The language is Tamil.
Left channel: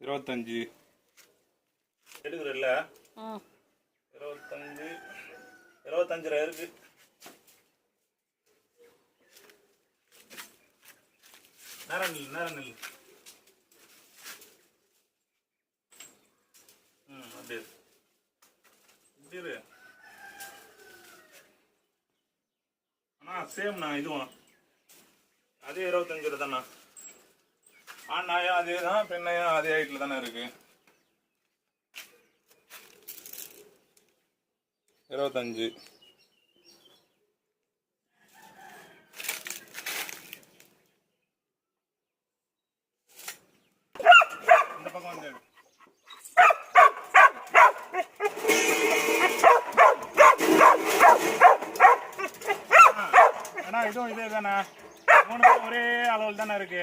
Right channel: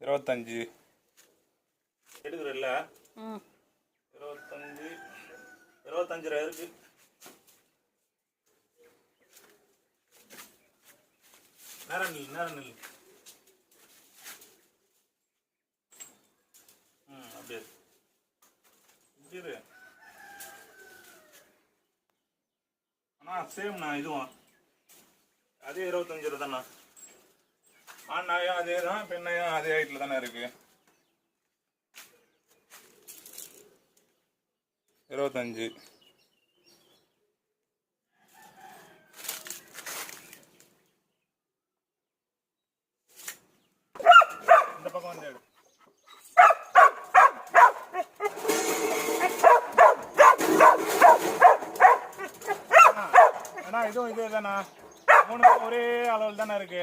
25 எடுக்கிறல்ல 25 ரூபா இருக்கு. நேரம் நெல் அப்படியே இப்படி அண்ணா சேம்ண்ணா இதுவும் அதே 25 ரூபா தாண்ணா. ஆண்ணாயும் அதே தான், பெண்ணையும் அதே ஹைட்டில் தானே இருக்கு. 25 இந்த பக்கம் வந்து அண்ணா இதுவும் இதே தானே, 3 ஒரே அளவில் தானே இருக்கு.